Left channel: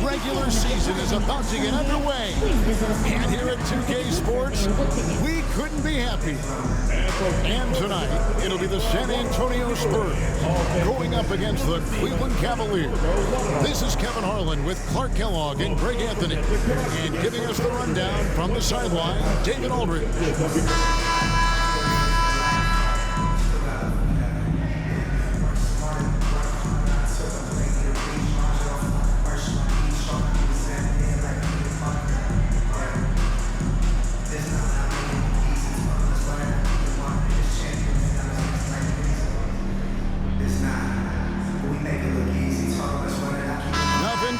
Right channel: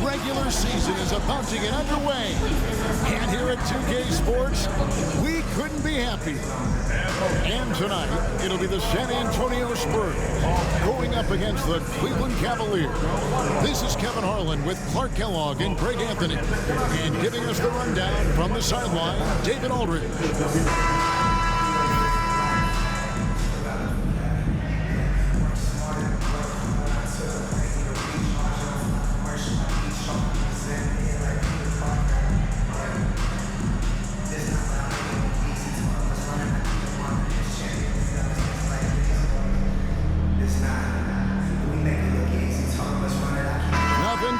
regular season is about to get underway. And here at 2K Sports, we couldn't be happier. And tonight, it'll be the San Antonio Spurs going up against the Cleveland Cavaliers. This is Kevin Harlan with Clark Kellogg and Greg Anthony. And giving us the rundown from the sideline, David Aldridge.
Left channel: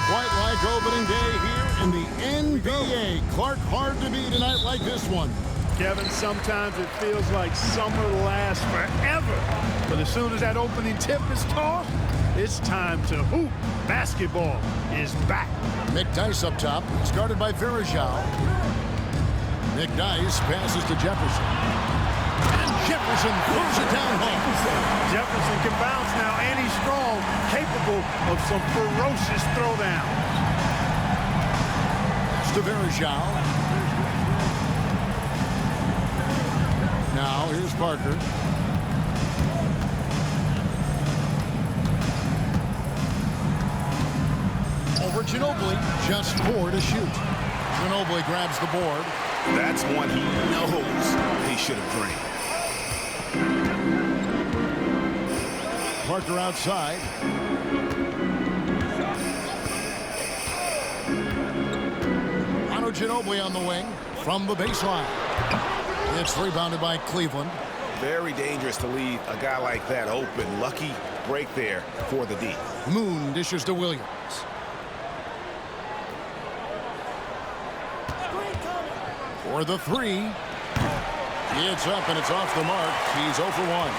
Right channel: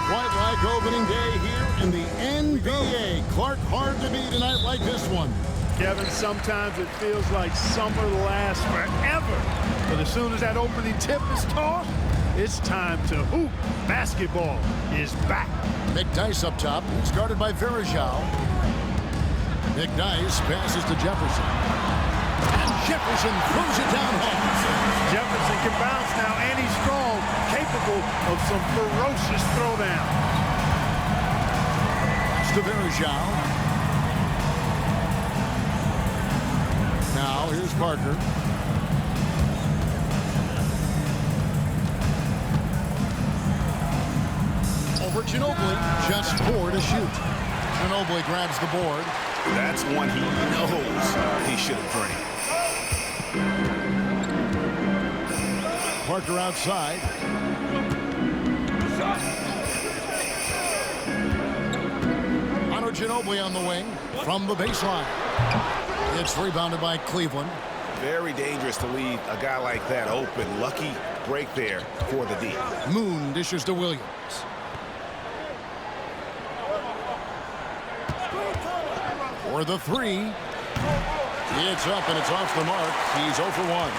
Quite like opening day here in the NBA. Clark, hard to beat a night like this one. Kevin, sometimes it feels like summer lasts forever. But as soon as that opening tip is tossed, it's time to hoop. Basketball is back. McDyess up top. He's guarded by Verajao. McDyess passes to Jefferson. And Jefferson throws it down hard. Jefferson can bounce now, and he's strong, capable of some ferocious throwdowns. Pass to Verajao. Now here's Parker. Over Ginobili, just 4 to shoot. Ginobili grabs the board. That's one he knows he should have drained. Parker outside. Ginobili on the wing from the baseline. It's rebounded by Cleveland. Very dangerous to leave a guy like that open. Lucky break there for the D. Moon dishes to Williams. For the three. It's up and it's off the mark. He's 0 for 1.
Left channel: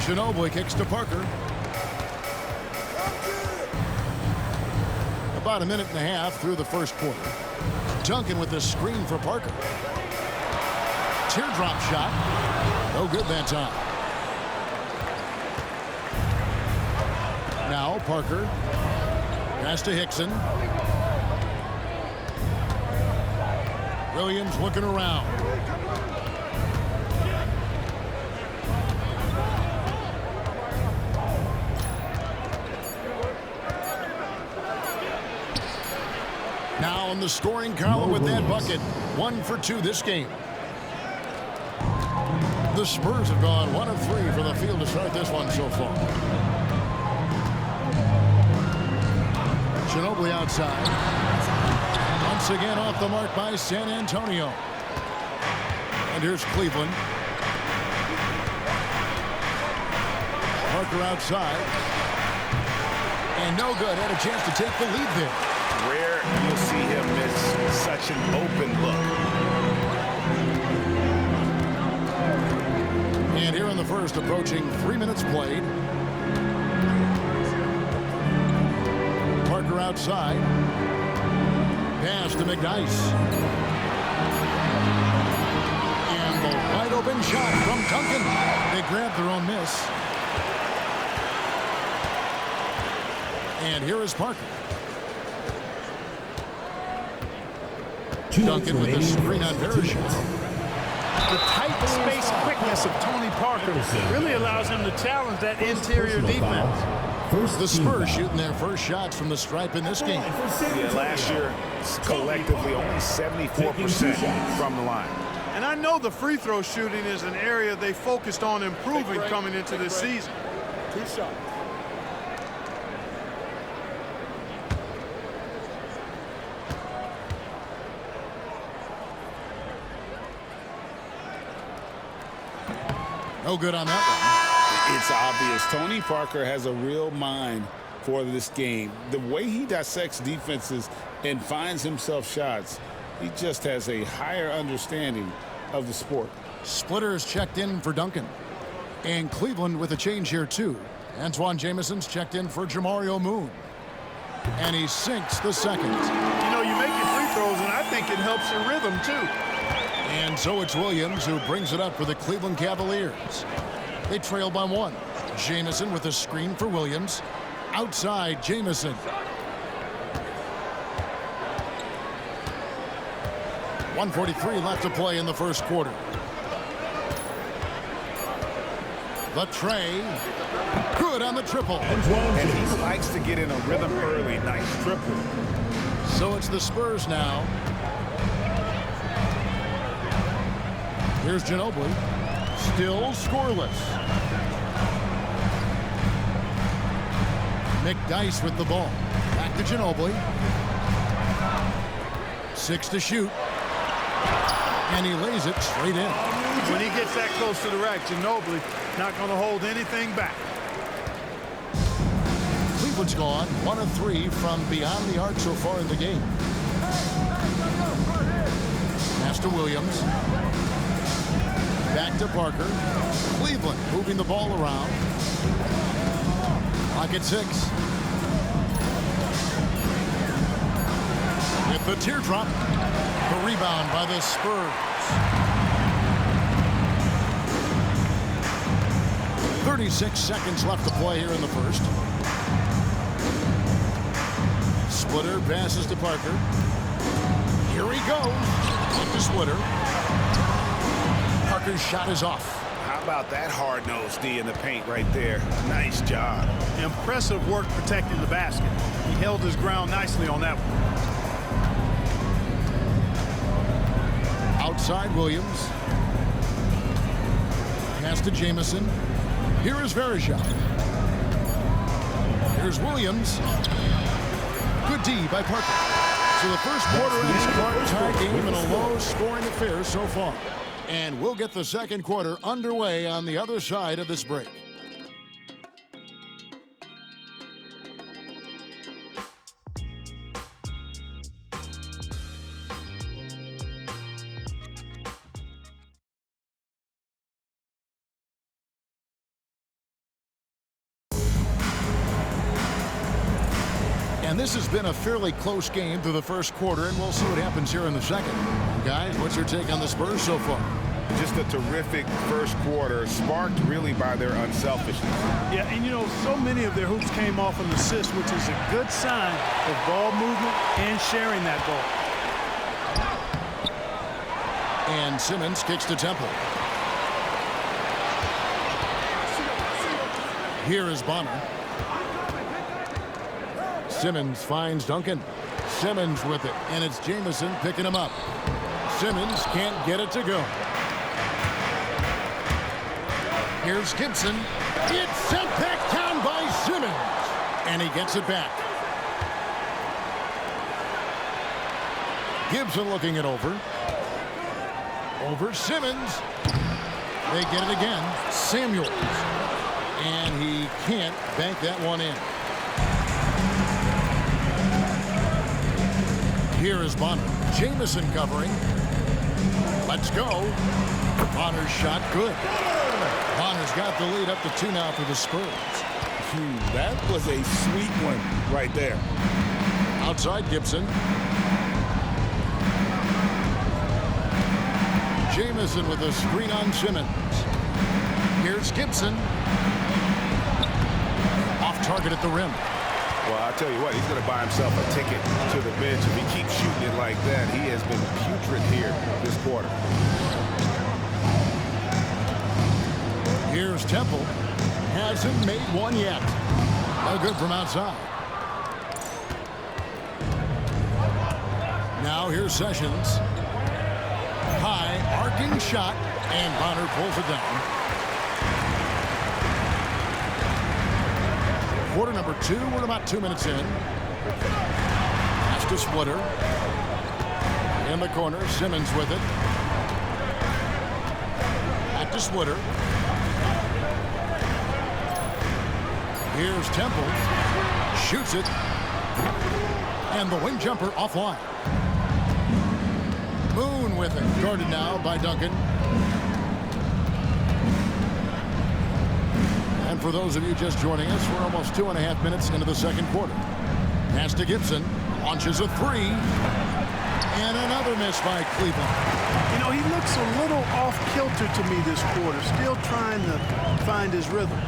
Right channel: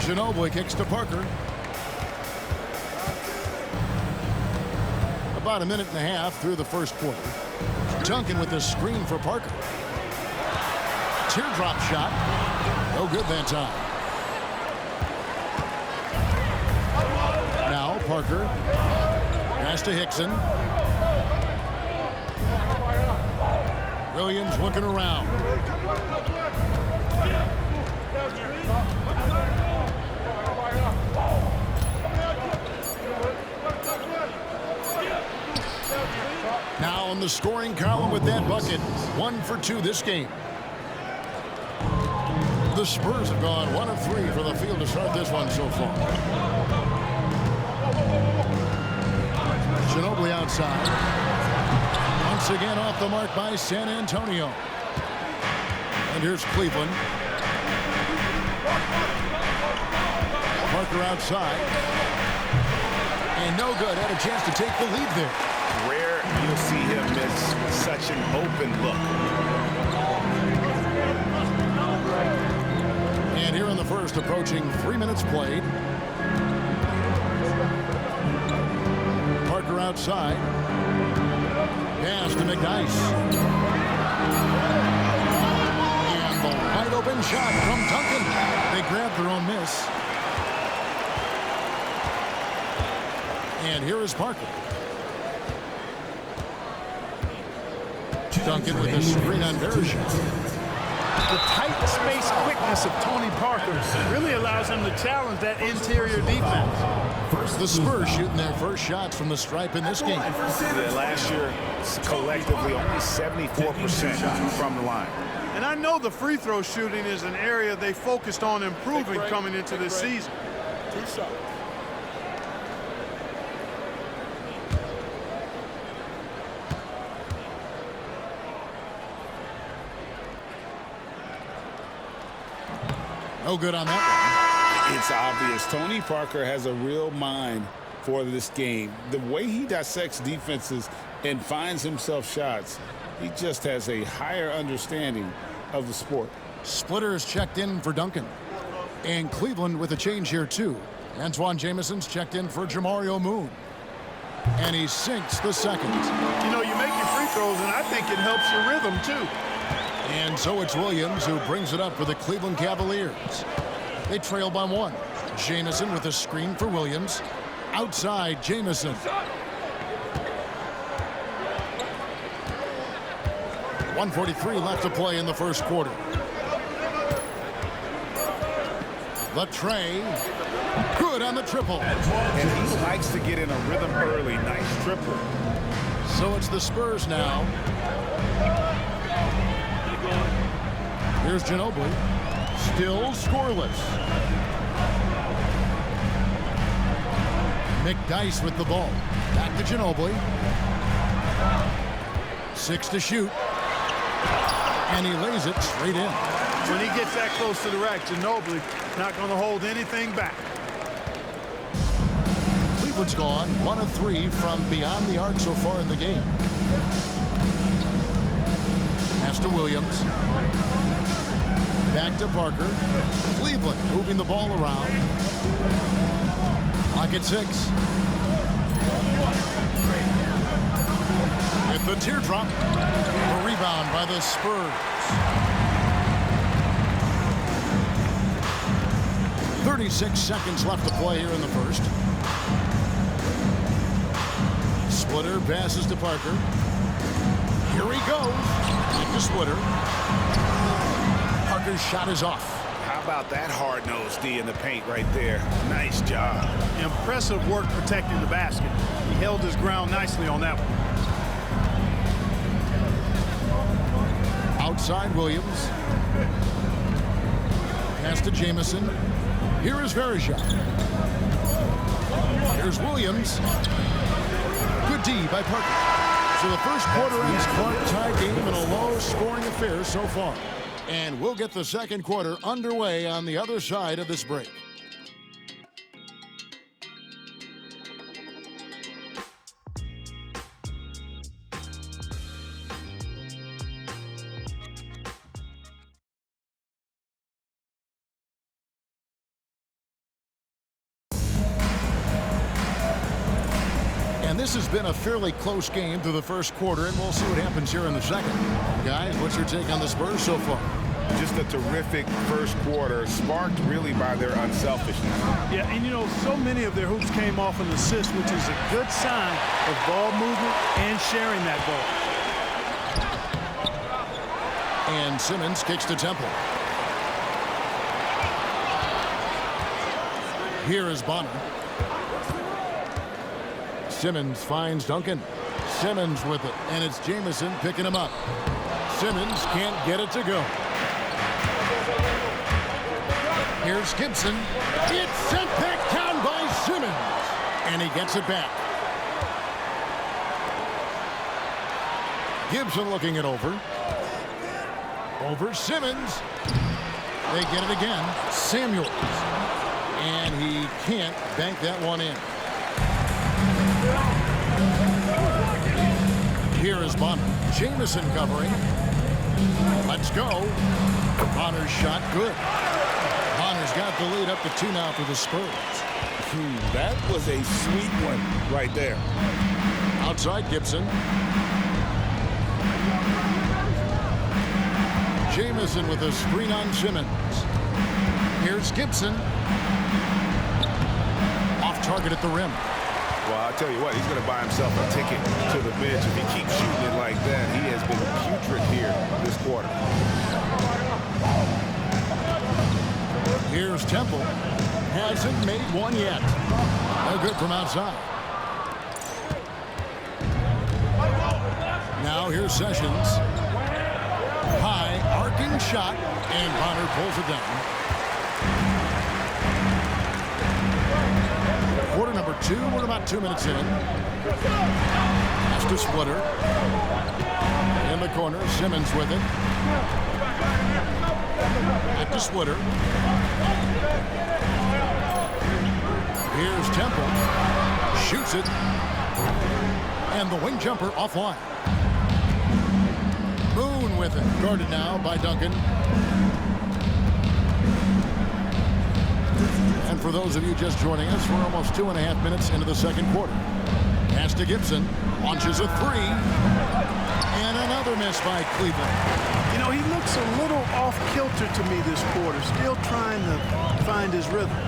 Ginobili kicks to Parker. About a minute and a half through the first quarter. Duncan with the screen for Parker. Teardrop shot. No good that time. Now Parker. Pass to Hickson. Williams looking around. Now in the scoring column with that bucket. 1 for 2 this game. The Spurs have gone 1 of 3 for the field to start this one so far. Ginobili outside. Once again off the mark by San Antonio. And here's Cleveland. Parker outside. And no good. Had a chance to take the lead there. Rare you'll see him miss such an open look. And here in the first, approaching 3 minutes played. Parker outside. Pass to McDyess. And the wide open shot from Duncan. They grabbed their own miss. And here is Parker. Duncan with the screen on Verajao. The tight space quickness of Tony Parker really allows him to challenge that interior defense. The Spurs shooting their first shots from the stripe in this game. Yeah, last year, collectively, only 74% from the line. And I know the free throw shooting is an area they focused on improving coming into this season. 2 shots. No good on that one. It's obvious Tony Parker has a real mind for this game. The way he dissects defenses and finds himself shots, he just has a higher understanding of the sport. Splitter is checked in for Duncan. And Cleveland with a change here too. Antoine Jamison's checked in for Jamario Moon. And he sinks the second. You know, you make your free throws, and I think it helps your rhythm too. And so it's Williams who brings it up for the Cleveland Cavaliers. They trail by 1. Jamison with a screen for Williams. Outside, Jamison. 1:43 left to play in the first quarter. The tray. Good on the triple. And he likes to get in a rhythm early. Nice triple. So it's the Spurs now. Here's Ginobili. Still scoreless. McDyess with the ball. Back to Ginobili. 6 to shoot. And he lays it straight in. When he gets that close to the rack, Ginobili not going to hold anything back. Cleveland's gone 1 of 3 from beyond the arc so far in the game. Pass to Williams. Back to Parker. Cleveland moving the ball around. Clock at 6. With the teardrop. The rebound by the Spurs. 36 seconds left to play here in the first. Splitter passes to Parker. Here he goes. Back to Splitter. Parker's shot is off. How about that hard-nosed D in the paint right there? Nice job. Impressive work protecting the basket. He held his ground nicely on that one. Outside Williams. Pass to Jamison. Here is Verejao. Here's Williams. Good D by Parker. So the first quarter ends Clark tie game in a low-scoring affair so far. And we'll get the second quarter underway on the other side of this break. And this has been a fairly close game through the first quarter, and we'll see what happens here in the second. Guys, what's your take on the Spurs so far? Just a terrific first quarter, sparked really by their unselfishness. Yeah, and you know, so many of their hoops came off an assist, which is a good sign of ball movement and sharing that ball. And Simmons kicks to Temple. Here is Bonner. Simmons finds Duncan. Simmons with it, and it's Jamison picking him up. Simmons can't get it to go. Here's Gibson. It's sent back down by Simmons, and he gets it back. Gibson looking it over. Over Simmons. They get it again. Samuels. And he can't bank that one in. Here is Bonner. Jamison covering. Let's go. Bonner's shot good. Bonner's got the lead up to 2 now for the Spurs. That was a sweet one right there. Outside Gibson. Jamison with a screen on Simmons. Here's Gibson. Off target at the rim. Well, I'll tell you what, he's going to buy himself a ticket to the bench. If he keeps shooting it like that, he has been putrid here this quarter. Here's Temple. Hasn't made one yet. No good from outside. Now here's Sessions. High, arcing shot, and Bonner pulls it down. Quarter number 2, we're about 2 minutes in. Pass to Splitter. In the corner, Simmons with it. Back to Splitter. Here's Temple. Shoots it. And the wing jumper offline. Moon with it. Guarded now by Duncan. And for those of you just joining us, we're almost 2.5 minutes into the second quarter. Pass to Gibson. Launches a 3. And another miss by Cleveland. You know, he looks a little off-kilter to me this quarter, still trying to find his rhythm.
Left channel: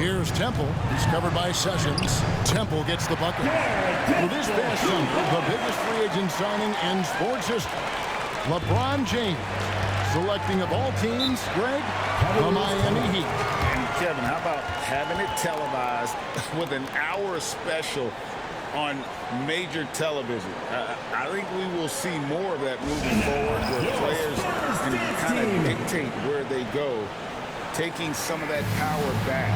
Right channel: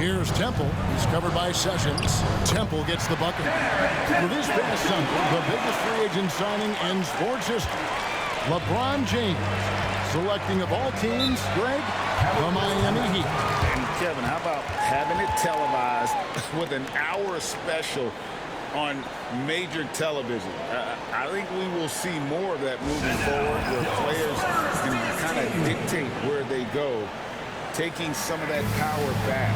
Here's Temple. He's covered by Sessions. Temple gets the bucket. Well, this past summer, the biggest free agent signing in sports history, LeBron James, selecting of all teams, Greg, the Miami Heat. And Kevin, how about having it televised with an hour special on major television? I think we will see more of that moving forward, where players can kind of dictate where they go, taking some of that power back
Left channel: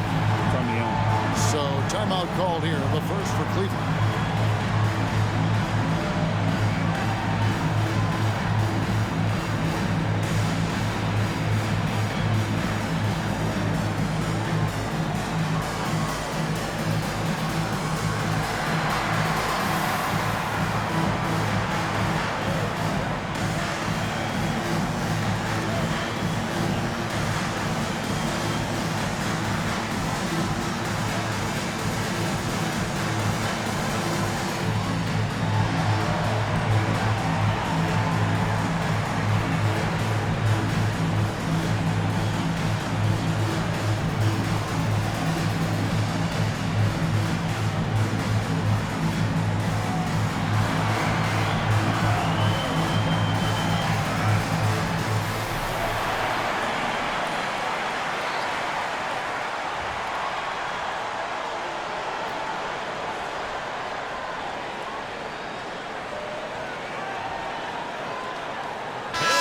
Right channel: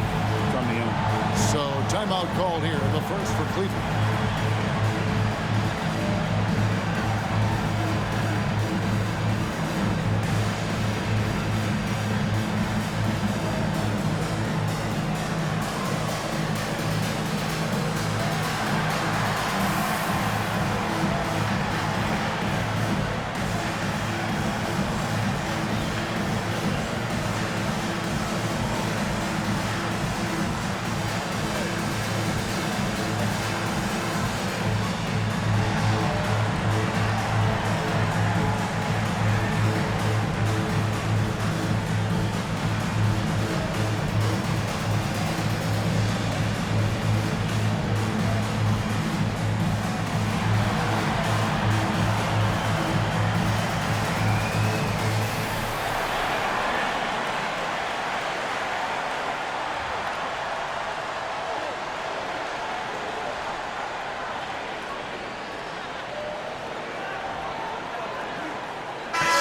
from the owner. So timeout called here, the first for Cleveland.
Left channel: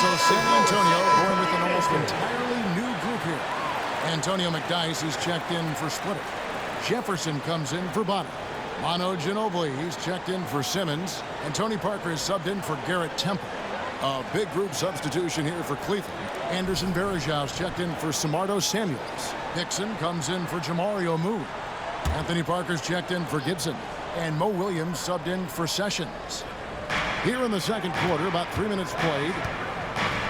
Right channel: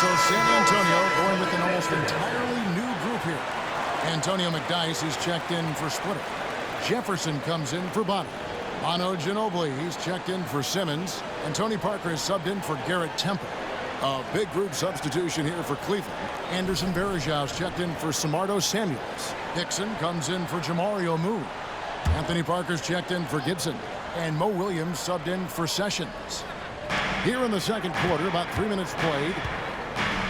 So San Antonio going with an almost entirely new group here. Antonio McDyess, he's checked in for Splitter. Jefferson comes in for Bonner. Manu Ginobili, he's checked in for Simmons. And Tony Parker is subbed in for Garrett Temple. A big group substitution here for Cleveland. Anderson Varejau's checked in for Samardo Samuels. Dixon comes in for Jamario Moon. Anthony Parker's checked in for Gibson. And Mo Williams subbed in for Sessions. Here in the second quarter, about 3 minutes played.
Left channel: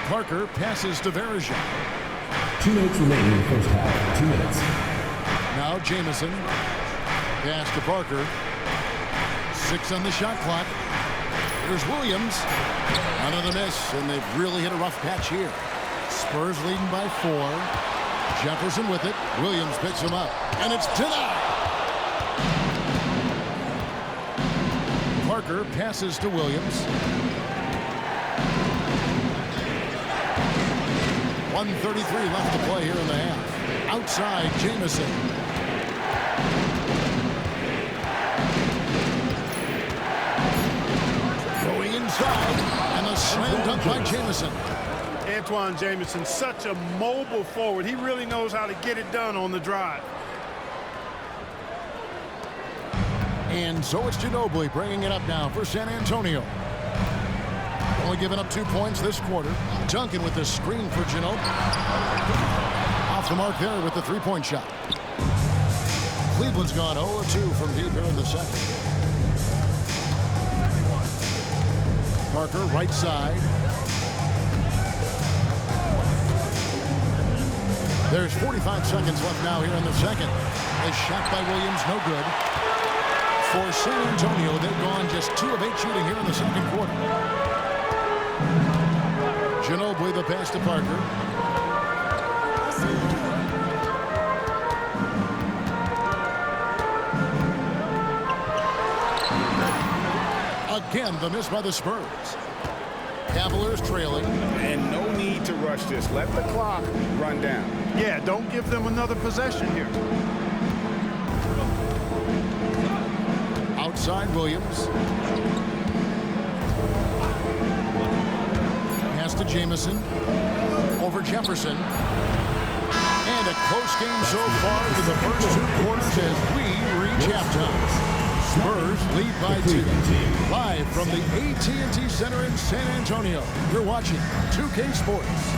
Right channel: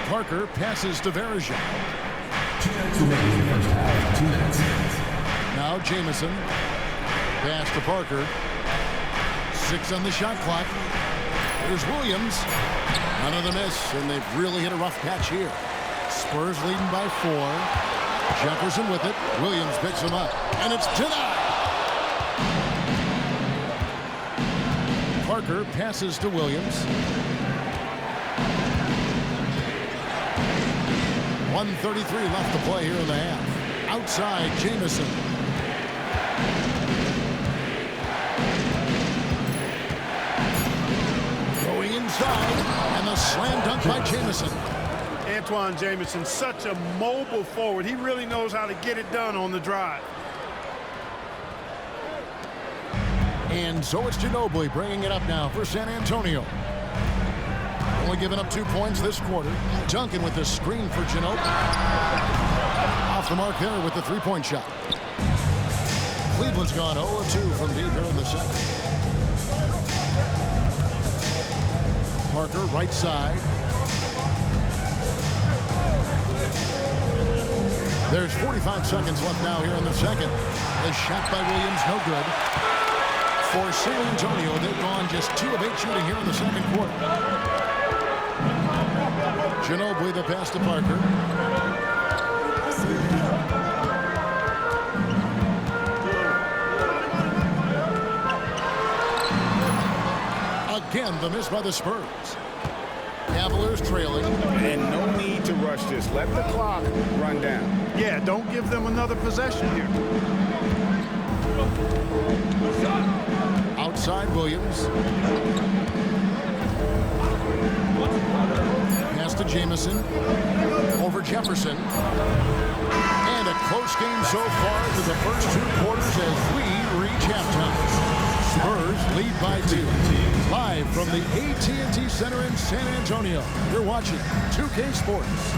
Parker passes to Varejao. 2 minutes remaining in the first half. 2 minutes. Now Jamison. Pass to Parker. 6 on the shot clock. Here's Williams. Another miss, and they've really hit a rough patch here. Spurs leading by 4. Jefferson with it. Williams picks him up, and it's denied. Parker passes to Williams. 1:33 left to play here in the half. Outside, Jamison. Going inside, and a slam dunk by Jamison. Antoine Jamison, such a mobile forward. He really knows how to get it done on the drive. And so it's Ginobili bringing it up now for San Antonio. Only giving up 2 points this quarter. Duncan with the screen for Ginobili. Off the mark there with the three-point shot. Cleveland's gone 0 of 2 from deep here in the second. Parker, right side. There's 45 seconds left now here in the second. A shot by Williams, no good. For San Antonio, they've gone just 2 of 8 shooting here in the second quarter. Ginobili, the pass to Parker. Again, the miss by the Spurs. Cavaliers trailing. And no need to rush this. Let the clock run down. Yeah, don't give them another possession here. Outside Williams. Pass to Jamison. Over Jefferson. And a close game so far through the first 2 quarters as we reach halftime. Spurs lead by 2. Live from the AT&T Center in San Antonio. You're watching 2K Sports.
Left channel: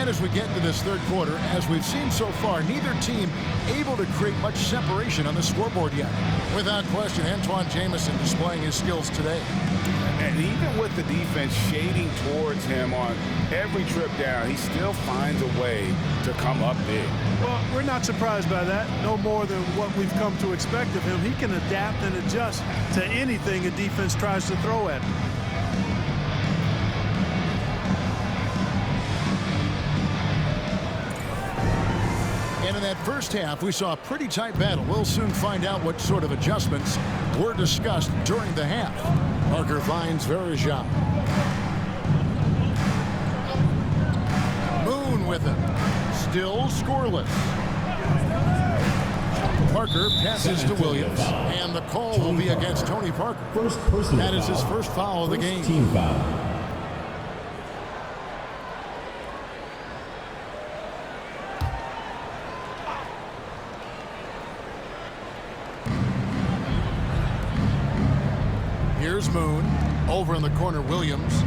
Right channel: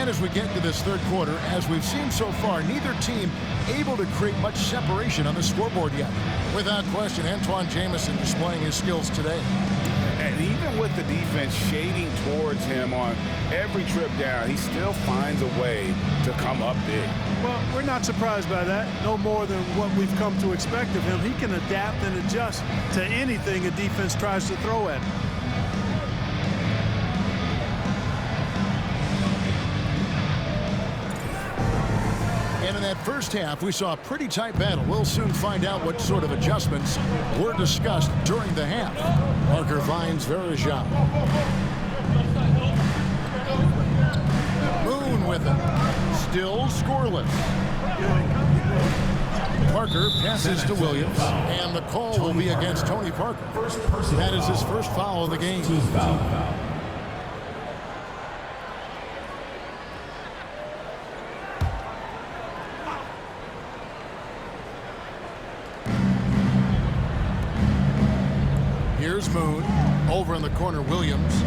And as we get into this third quarter, as we've seen so far, neither team able to create much separation on the scoreboard yet. Without question, Antoine Jamison displaying his skills today. And even with the defense shading towards him on every trip down, he still finds a way to come up big. Well, we're not surprised by that. No more than what we've come to expect of him. He can adapt and adjust to anything a defense tries to throw at him. And in that first half, we saw a pretty tight battle. We'll soon find out what sort of adjustments were discussed during the half. Parker finds Verejao. Moon with it. Still scoreless. Parker passes to Williams, and the call will be against Tony Parker. That is his first foul of the game. Team foul. Here's Moon. Over in the corner, Williams.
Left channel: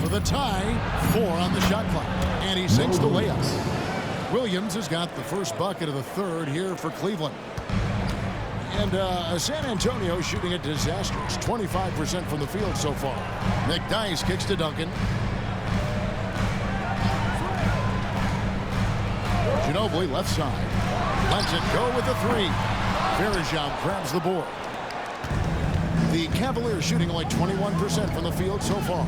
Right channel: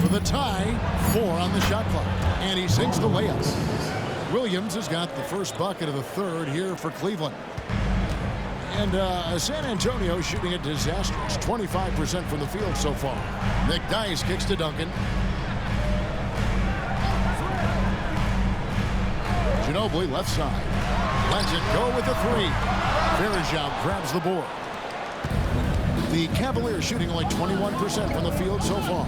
For the tie, 4 on the shot clock. And he sinks the layup. Williams has got the first bucket of the third here for Cleveland. And San Antonio shooting a disastrous 25% from the field so far. McDyess kicks to Duncan. Ginobili left side. Lets it go with the 3. Verejao grabs the board. The Cavaliers shooting only 21% from the field so far.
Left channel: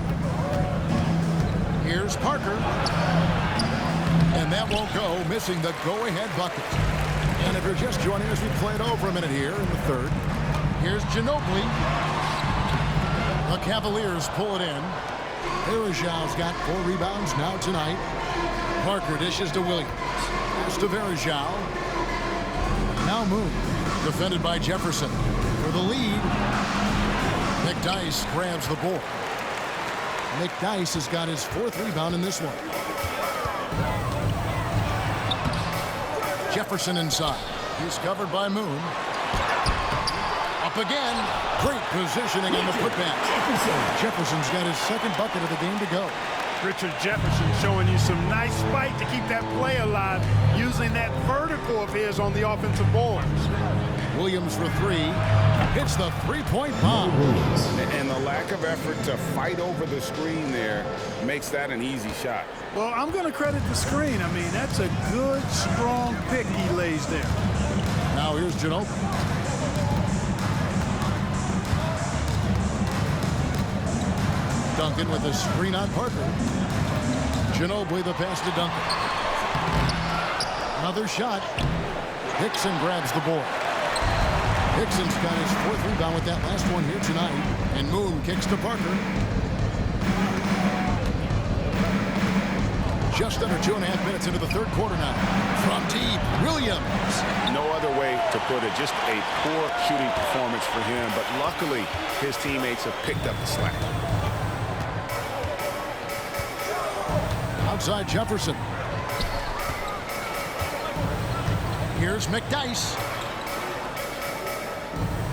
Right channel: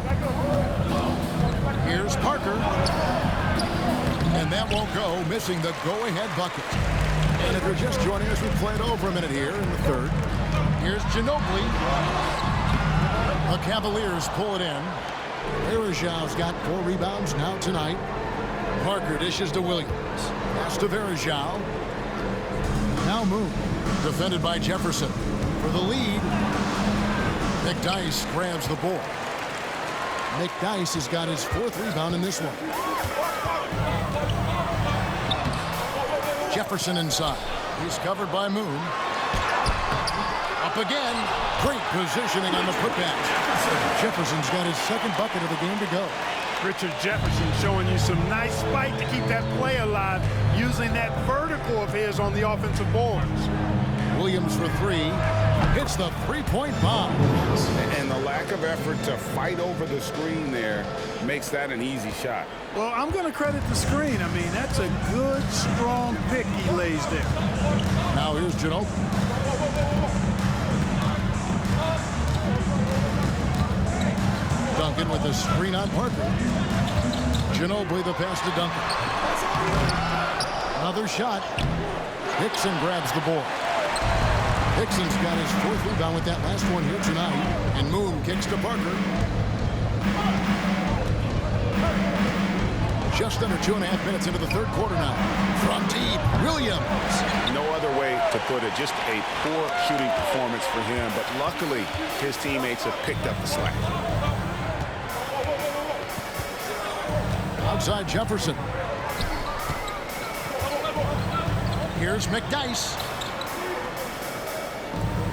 Here's Parker. And that won't go, missing the go-ahead bucket. And if you're just joining us, we played over a minute here in the third. Here's Ginobili. The Cavaliers pull it in. Verejao's got 4 rebounds now tonight. Parker dishes to Williams. Pass to Verejao. Now Moon. Defended by Jefferson. For the lead, McDyess grabs the board. McDyess has got his 4th rebound in this one. Jefferson inside. He's covered by Moon. Up again. Great positioning on the putback. Jefferson's got his 2nd bucket of the game to go. Richard Jefferson showing you some nice fight to keep that play alive, using that vertical of his on the offensive boards. Williams for 3. Hits the 3-point bomb. And the lack of effort to fight over the screen there makes that an easy shot. Well, I'm going to credit the screen. I mean, that's a good, strong pick he lays there. Now here's Ginobili. Duncan with a screen on Parker. Ginobili the pass to Duncan. Another shot. Hickson grabs the board. Hickson's got his 4th rebound with that last one here tonight. And Moon kicks to Parker. Just under 2.5 minutes into the third quarter now. From deep, Williams. No other way to put it. Just a poor shooting performance for him. But luckily, his teammates have picked up the slack. Outside Jefferson. Here's McDyess.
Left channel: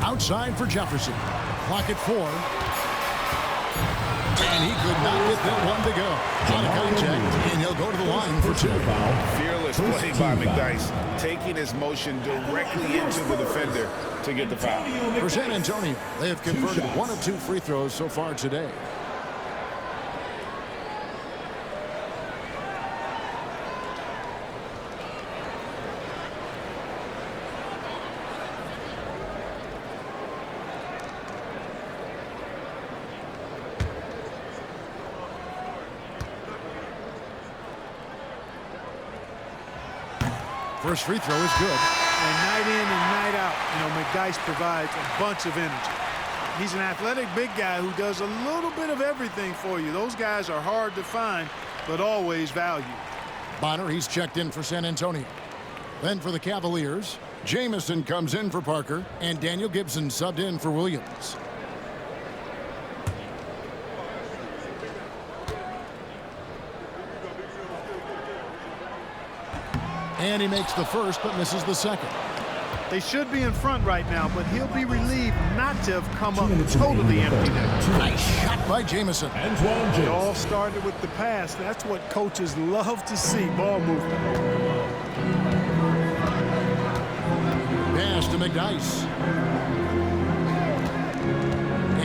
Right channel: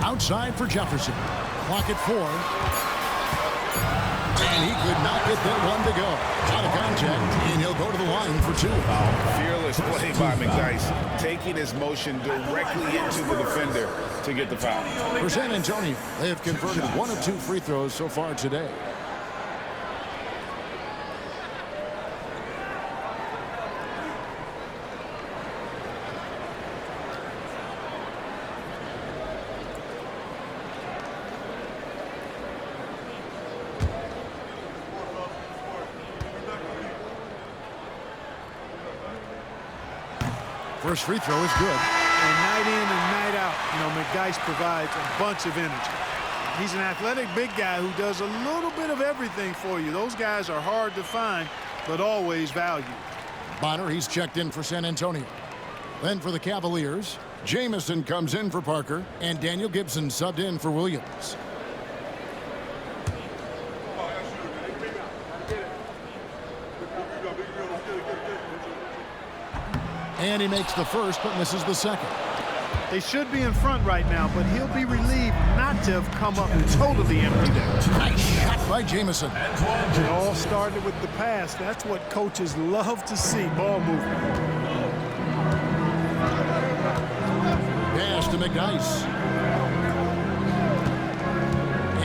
Outside for Jefferson. Clock at 4. And he could not get that one to go. Out of contact, and he'll go to the line for 2. Fearless play by McDyess, taking his motion directly into the defender to get the foul. For San Antonio, they have converted 1 of 2 free throws so far today. First free throw is good. And night in and night out, you know, McDyess provides a bunch of energy. He's an athletic big guy who does a little bit of everything for you. Those guys are hard to find, but always valued. Bonner, he's checked in for San Antonio. Then for the Cavaliers, Jamison comes in for Parker, and Daniel Gibson subbed in for Williams. And he makes the first, but misses the second. They should be in front right now, but he'll be relieved not to have come up totally empty there. Nice shot by Jamison. It all started with the pass. That's what coaches love to see, ball movement. Pass to McDyess.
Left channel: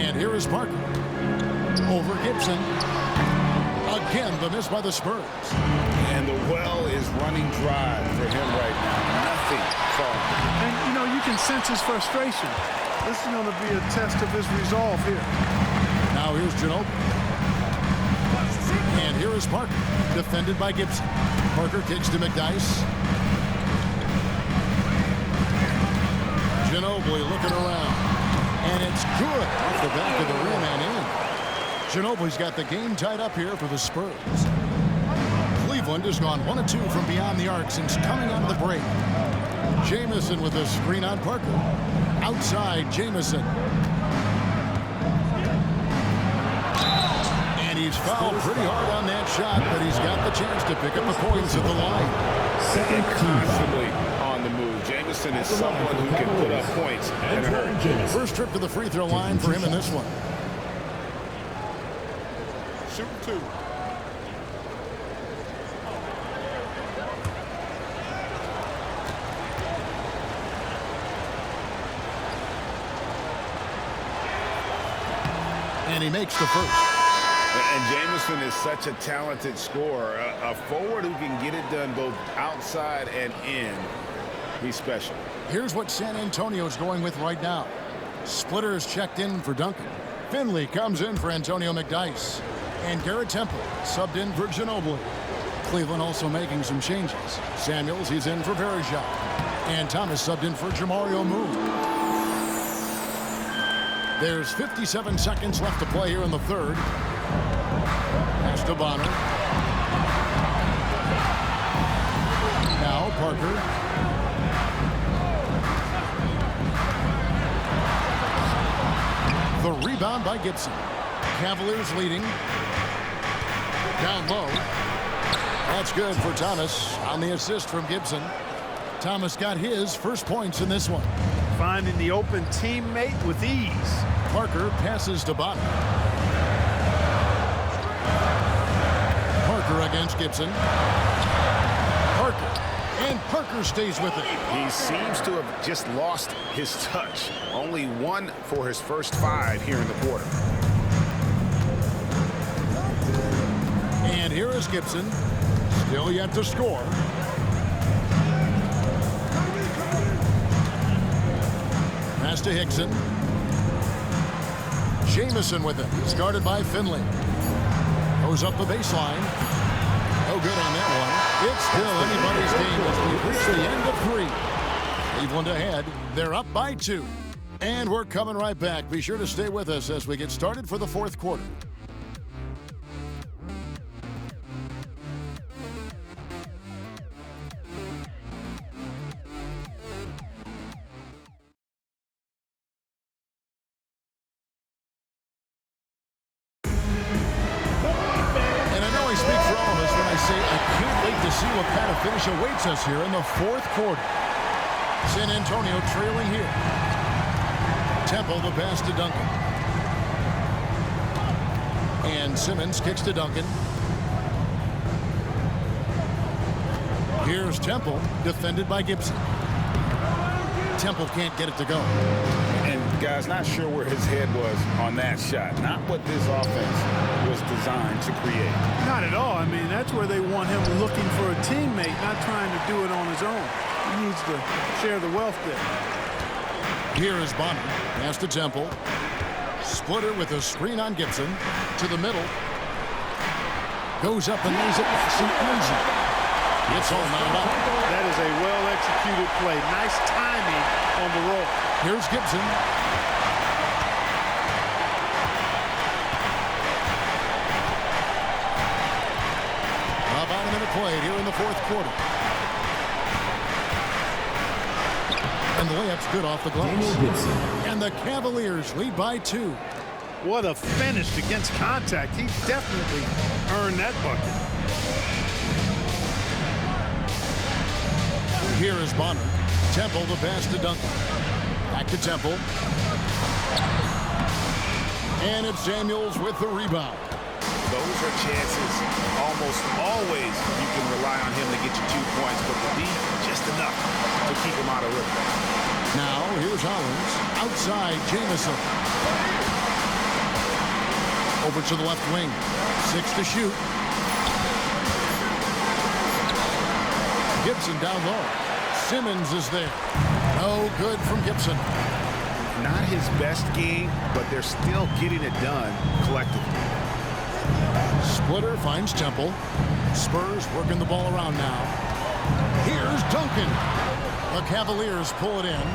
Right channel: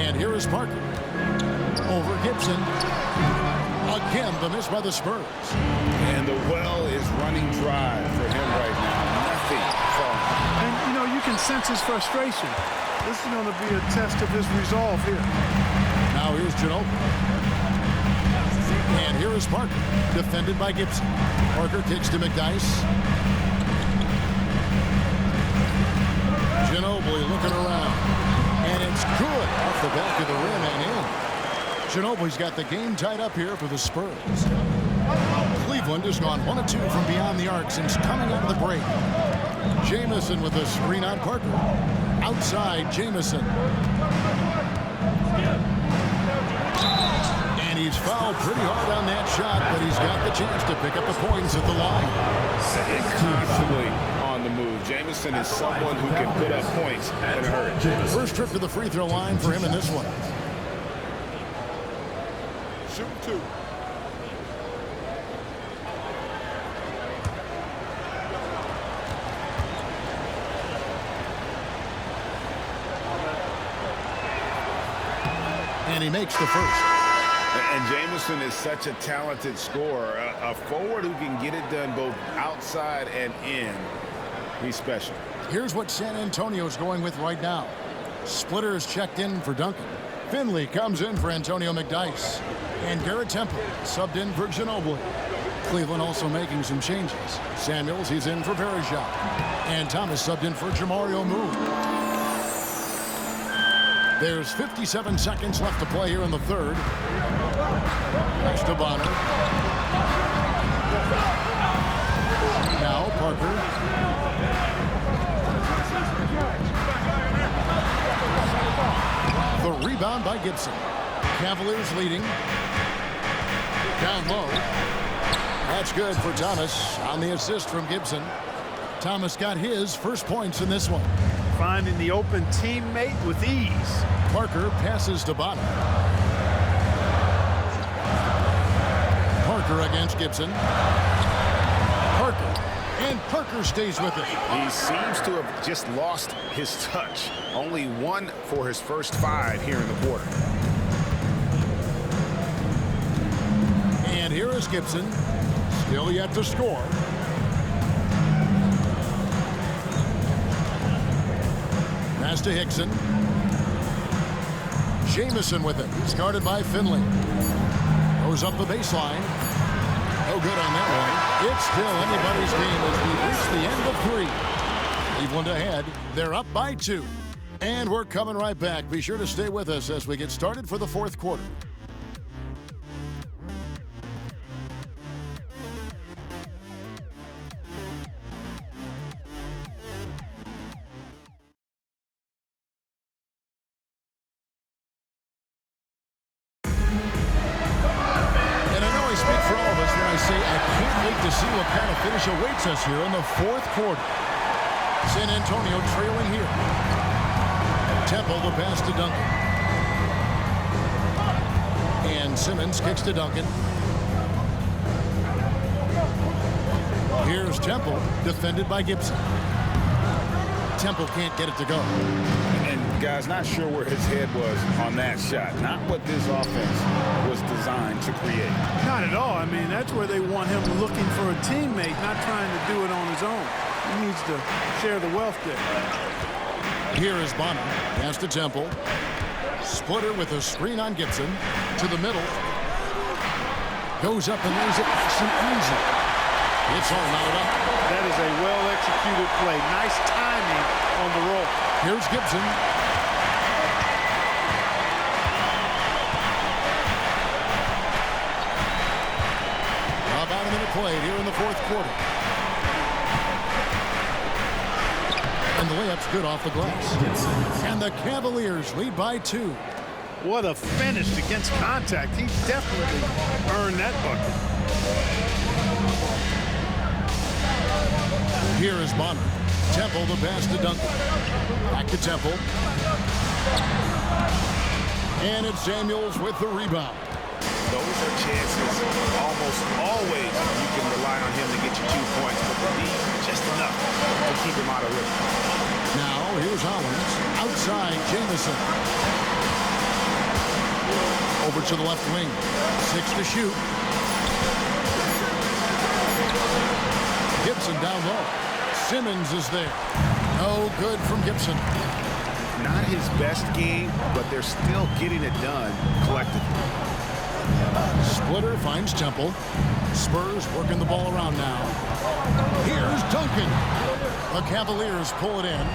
And here is Parker. Over Gibson. Again, the miss by the Spurs. And the well is running dry for him right now. Nothing falling. And, you know, you can sense his frustration. This is going to be a test of his resolve here. Now here's Ginobili. And here is Parker, defended by Gibson. Parker kicks to McDyess. Ginobili looking around. And it's good off the back of the rim and in. Ginobili's got the game tied up here for the Spurs. Cleveland has gone 1 of 2 from beyond the arc since coming out of the break. Jamison with a screen on Parker. Outside, Jamison. And he's fouled pretty hard on that shot, but he's got the chance to pick up the points at the line. And constantly on the move. Jamison is someone who can put up points in a hurry. First trip to the free throw line for him in this one. Shooting 2. And he makes the first. And Jamison is such a talented scorer, a forward who can get it done both outside and in. He's special. Here's what San Antonio's going with right now. Splitters checked in for Duncan. Finley comes in for Antonio McDyess. And Garrett Temple subbed in for Ginobili. Cleveland also making some changes. Samuels, he's in for Verajak. And Thomas subbed in for Jamario Moon. There's 57 seconds left to play here in the third. Pass to Bonner. Now Parker. The rebound by Gibson. Cavaliers leading. Down low. That's good for Thomas on the assist from Gibson. Thomas got his first points in this one. Finding the open teammate with ease. Parker passes to Bonner. Parker against Gibson. Parker. And Parker stays with it. He seems to have just lost his touch. Only 1 for his first 5 here in the quarter. And here is Gibson. Still yet to score. Pass to Hickson. Jamison with it. It's guarded by Finley. Goes up the baseline. No good on that one. It's still anybody's game as we've reached the end of 3. Cleveland ahead. They're up by 2. And we're coming right back. Be sure to stay with us as we get started for the fourth quarter. I speak for all of us when I say I can't wait to see what kind of finish awaits us here in the fourth quarter. San Antonio trailing here. Temple the pass to Duncan. And Simmons kicks to Duncan. Here's Temple, defended by Gibson. Temple can't get it to go. And guys, not sure where his head was on that shot. Not what this offense was designed to create. Not at all. I mean, that's where they want him looking for a teammate, not trying to do it on his own. He needs to share the wealth there. Here is Bonner. Pass to Temple. Splitter with a screen on Gibson. To the middle. Goes up and lays it nice and easy. It's all knotted up. That is a well-executed play. Nice timing on the roll. Here's Gibson. About a minute played here in the fourth quarter. And the layup's good off the glass. And the Cavaliers lead by 2. What a finish against contact. He definitely earned that bucket. Here is Bonner. Temple to pass to Duncan. Back to Temple. And it's Samuels with the rebound. Those are chances almost always you can rely on him to get you 2 points, but the D just enough to keep him out of rhythm. Now here's Hollins. Outside Jamison. Over to the left wing. 6 to shoot. Gibson down low. Simmons is there. No good from Gibson. Not his best game, but they're still getting it done collectively. Splitter finds Temple. Spurs working the ball around now. Here's Duncan. The Cavaliers pull it in.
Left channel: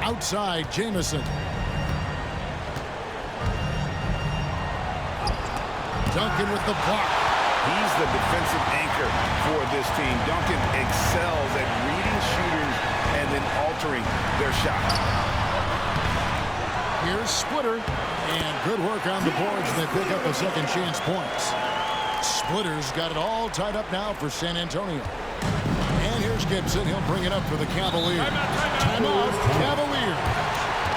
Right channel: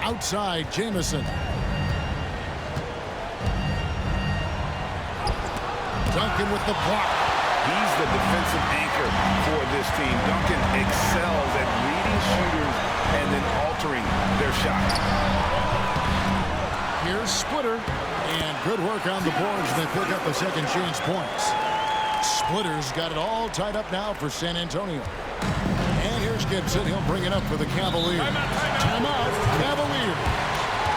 Outside Jamison. Duncan with the block. He's the defensive anchor for this team. Duncan excels at reading shooters and then altering their shots. Here's Splitter. And good work on the boards. They pick up the second chance points. Splitter's got it all tied up now for San Antonio. And here's Gibson. He'll bring it up for the Cavaliers. Timeout, Cavaliers.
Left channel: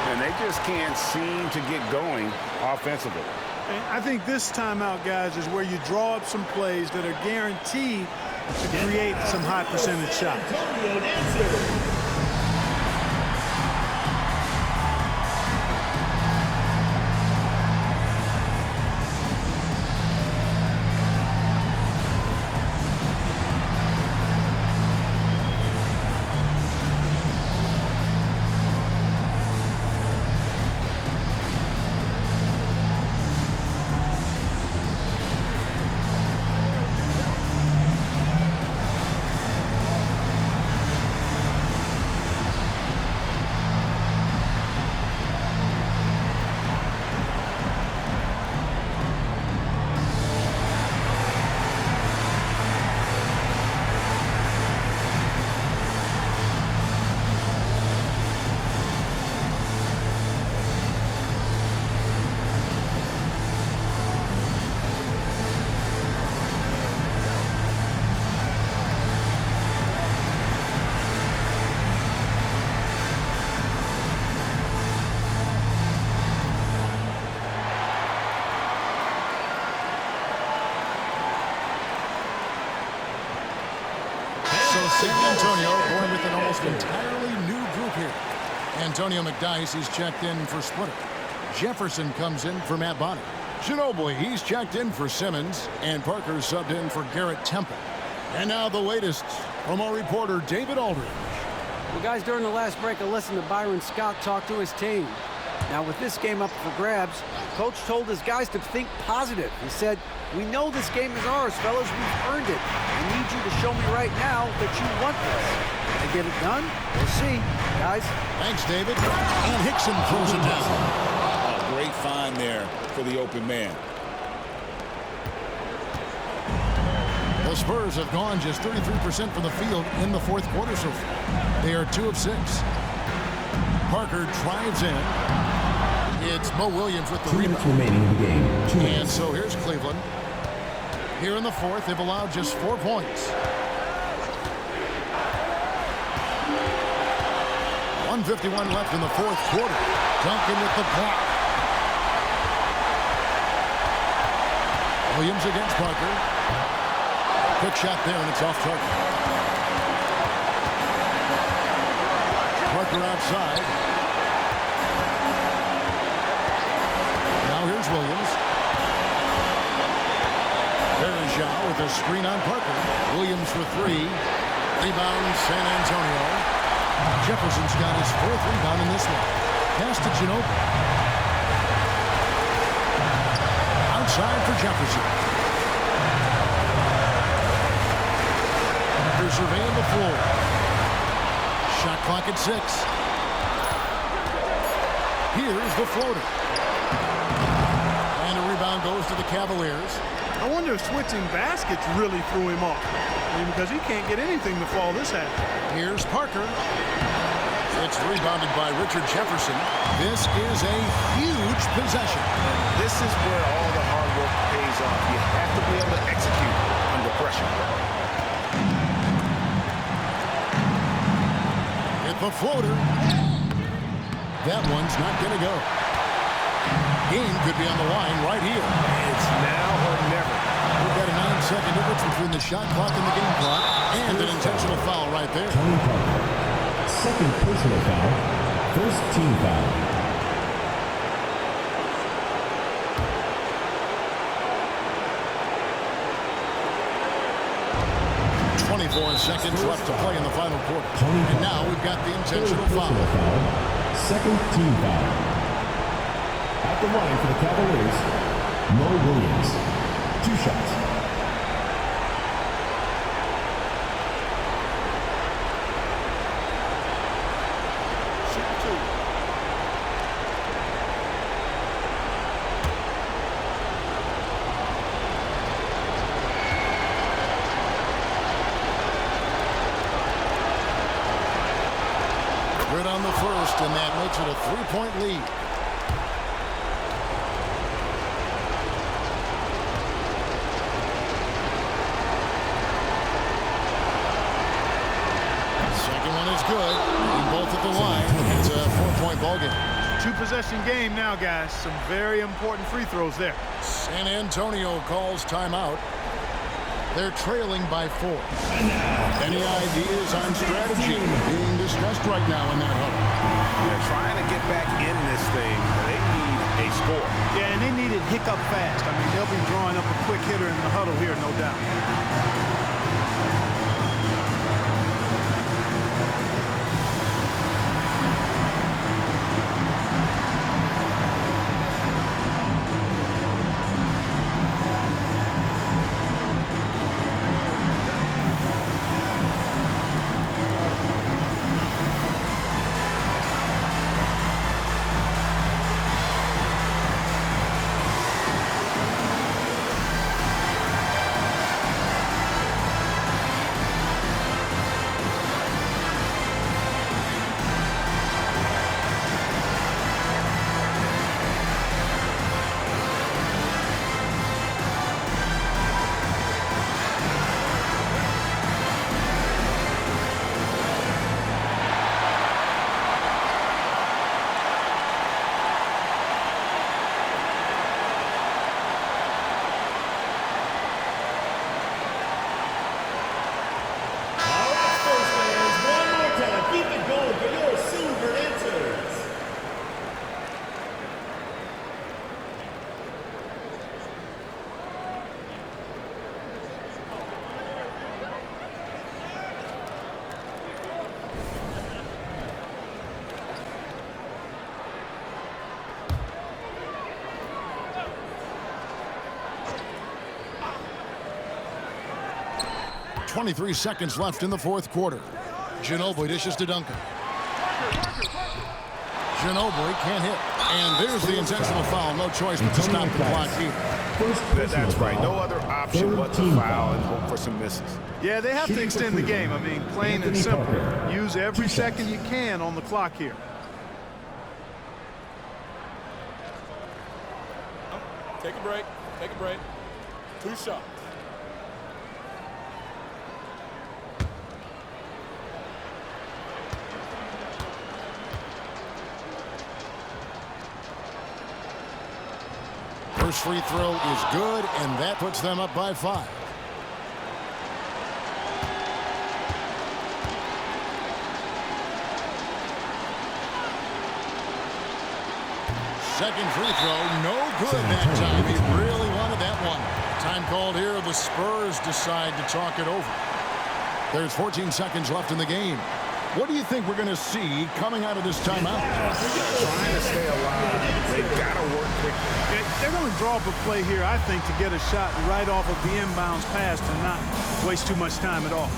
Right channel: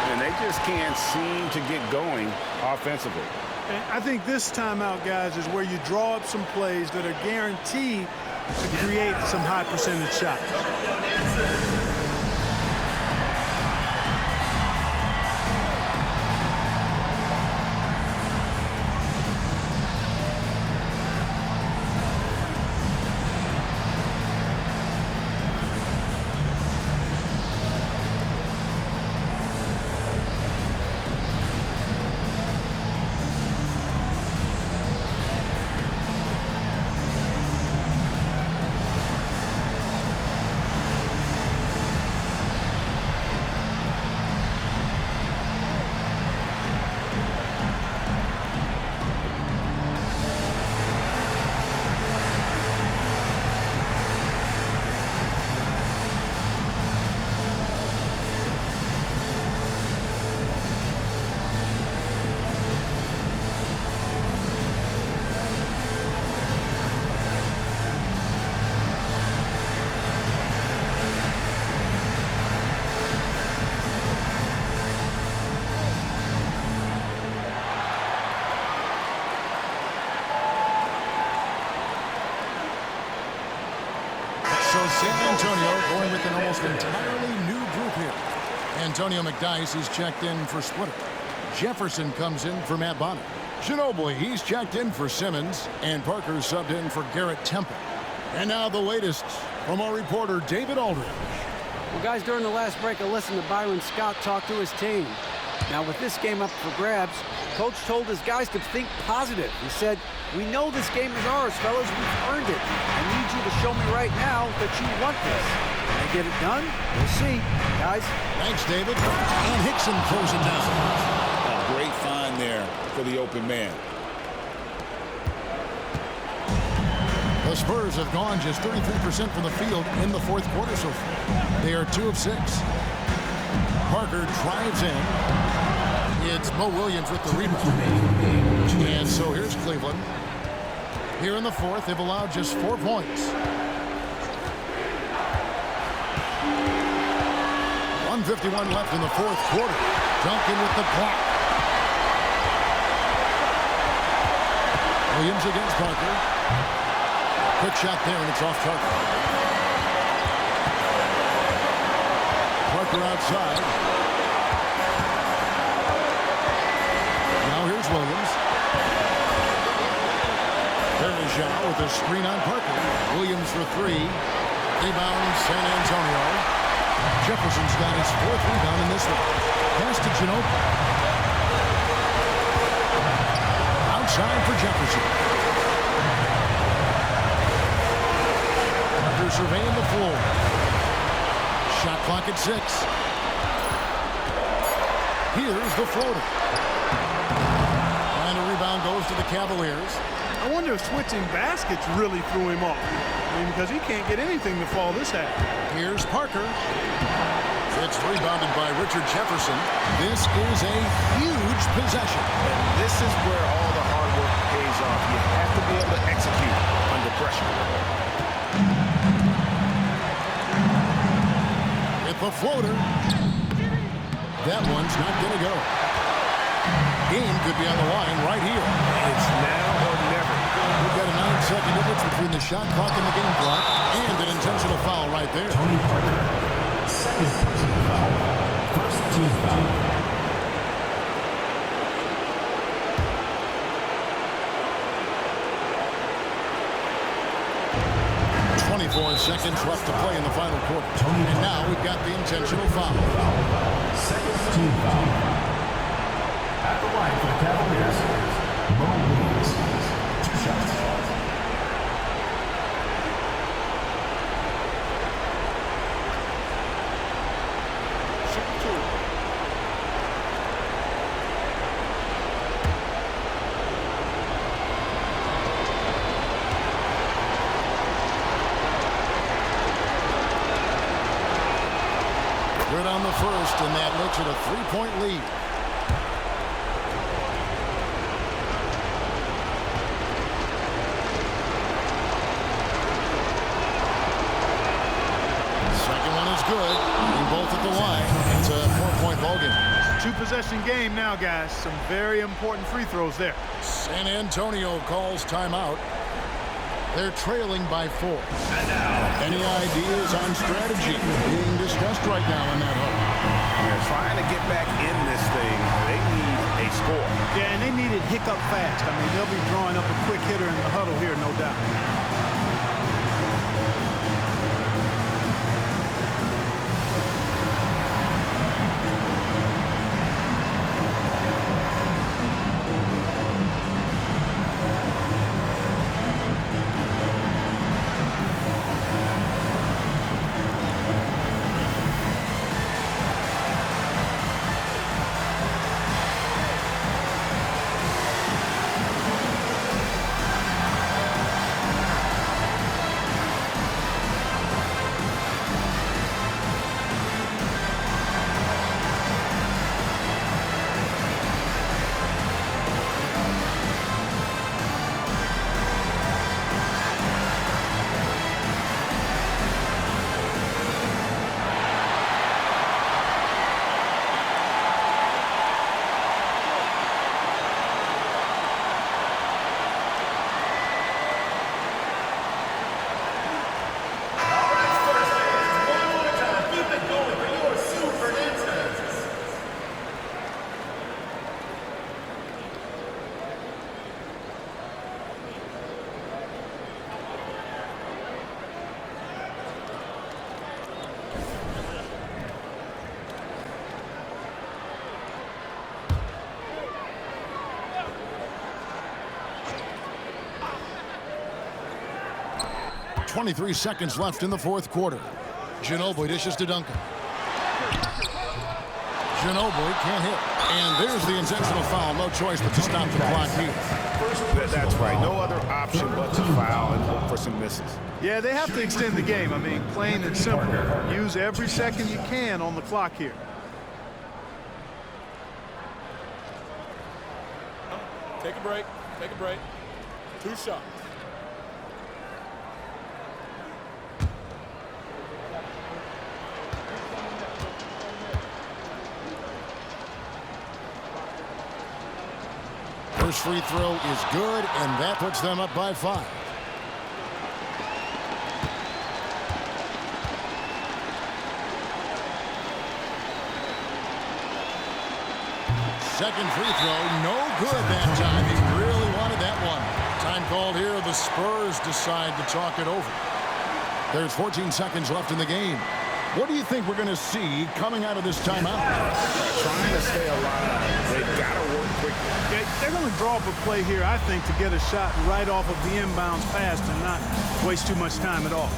And they just can't seem to get going offensively. And I think this timeout, guys, is where you draw up some plays that are guaranteed to create some high percentage shots. So San Antonio going with an almost entirely new group here. Antonio McDyess, he's checked in for Splitter. Jefferson comes in for Matt Bonner. Ginobili, he's checked in for Simmons. And Parker subbed in for Garrett Temple. And now the latest from our reporter, David Aldridge. Well, guys, during the last break, I listened to Byron Scott talk to his team. Now, with this game up for grabs, Coach told his guys to think positive. He said, "We know this game is ours, fellas. We've earned it. I need you to show me right now that you want this. Can I get it done? We'll see, guys." Thanks, David. And Hickson throws it down. A great find there for the open man. The Spurs have gone just 33% from the field in the fourth quarter so far. They are 2 of 6. Parker drives in. It's Mo Williams with the 2 minutes rebound. remaining in the game. 2 And minutes. so here's Cleveland. Here in the fourth, they've allowed just 4 points. 1:51 left in the fourth quarter. Duncan with the block. Williams against Parker. Quick shot there, and it's off target. Parker outside. Now here's Williams. Bergeau with a screen on Parker. Williams for 3. Rebound San Antonio. Jefferson's got his 4th rebound in this one. Pass to Ginobili. Outside for Jefferson. Parker surveying the floor. Shot clock at 6. Here's the floater. And a rebound goes to the Cavaliers. I wonder if switching baskets really threw him off. I mean, because he can't get anything to fall this half. Here's Parker. It's rebounded by Richard Jefferson. This is a huge possession. And this is where all the hard work pays off. You have to be able to execute under pressure. with the floater. That one's not going to go. Game could be on the line right here. It's now or never. We've got a 9-second difference between the shot clock and the game clock, and an intentional foul right there. Tony Parker. Second personal foul. First team foul. 24 seconds left to play in the final quarter. And now we've got the intentional foul. Second team foul. At the line for the Cavaliers, Mo Williams. 2 shots. Shoot 2. Good on the first, and that makes it a 3-point lead. Second one is good. Getting both at the line. It's a 4-point ball game. 2-possession game now, guys. Some very important free throws there. San Antonio calls timeout. They're trailing by 4. Any ideas on strategy being discussed right now in that huddle? They're trying to get back in this thing. They need a score. Yeah, and they need it hiccup fast. I mean, they'll be drawing up a quick hitter in the huddle here, no doubt. .23 seconds left in the fourth quarter. Ginobili dishes to Duncan. Ginobili can't hit. And there's the intentional foul. No choice but to stop the clock here. That's right. No other option but to foul and hope for some misses. Yeah, they have to extend the game. I mean, plain and simple. Use every second you can on the clock here. Take a break. Take a break. 2 shots. First free throw is good, and that puts them up by 5. Second free throw, no good that time. He really wanted that one. Time called here. The Spurs decide to talk it over. There's 14 seconds left in the game. What do you think we're going to see coming out of this timeout? Trying to stay alive. They've got to work quickly. They're going to draw up a play here, I think, to get a shot right off of the inbounds pass and not waste too much time at all.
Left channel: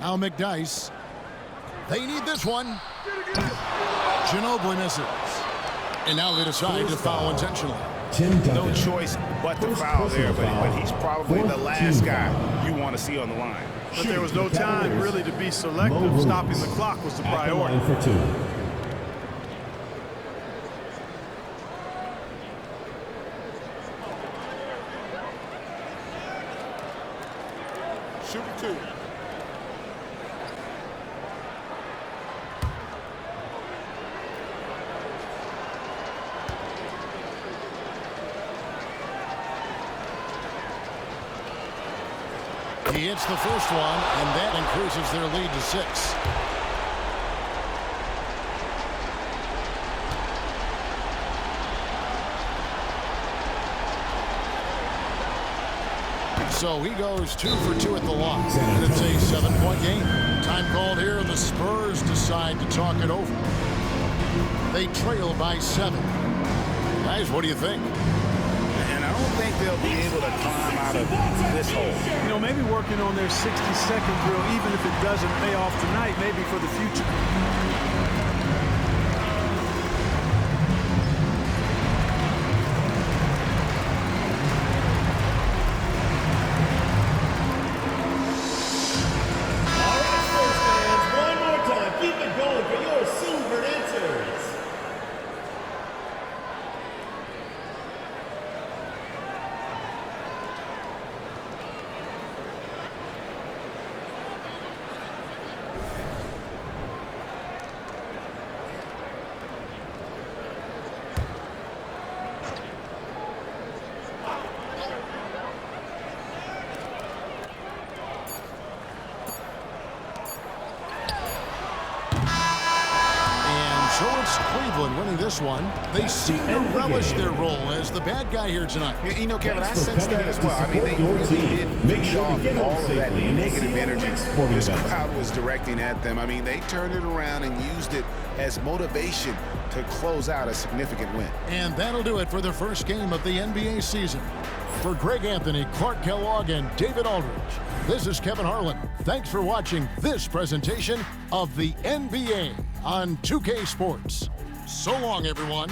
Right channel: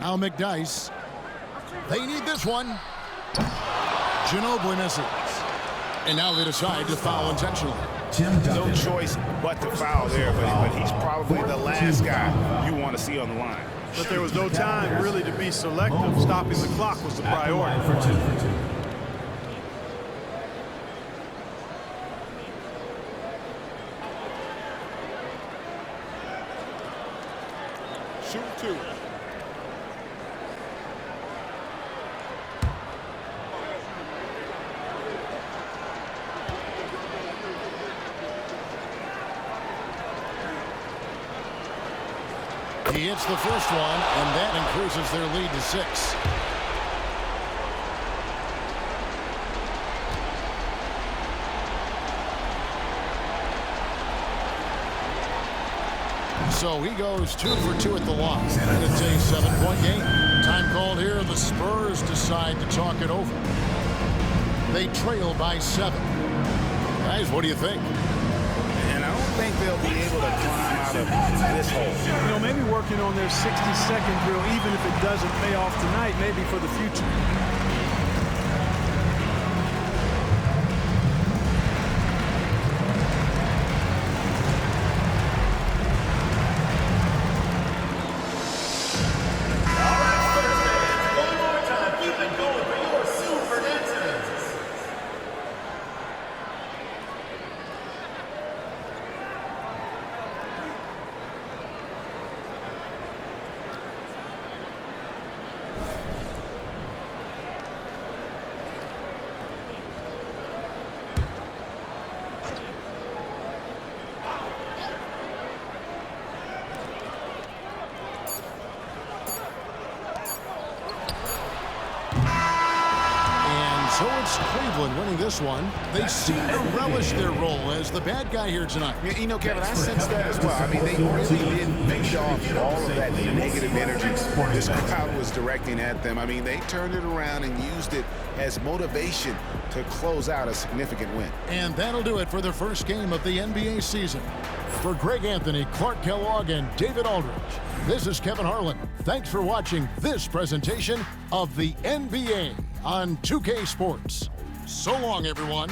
Now McDyess. They need this one. Ginobili misses. And now they decide to foul intentionally. No choice but to foul there, but he's probably the last guy you want to see on the line. But there was no time really to be selective. Stopping the clock was the priority. For 2. Shoot 2. He hits the first one, and that increases their lead to 6. So he goes 2 for 2 at the line, and it's a 7-point game. Time called here, and the Spurs decide to talk it over. They trail by 7. Guys, what do you think? And I don't think they'll be able to climb out of this hole. You know, maybe working on their 60-second drill, even if it doesn't pay off tonight, maybe for the future. So it's Cleveland winning this one. They seem to relish their role as the bad guy here tonight. You know, Kevin, I sense that as well. I mean, they really did feed off all of that negative energy this crowd was directing at them. I mean, they turned it around and used it as motivation to close out a significant win. And that'll do it for the first game of the NBA season. For Greg Anthony, Clark Kellogg, and David Aldridge, this is Kevin Harlan. Thanks for watching this presentation of the NBA on 2K Sports. So long, everyone.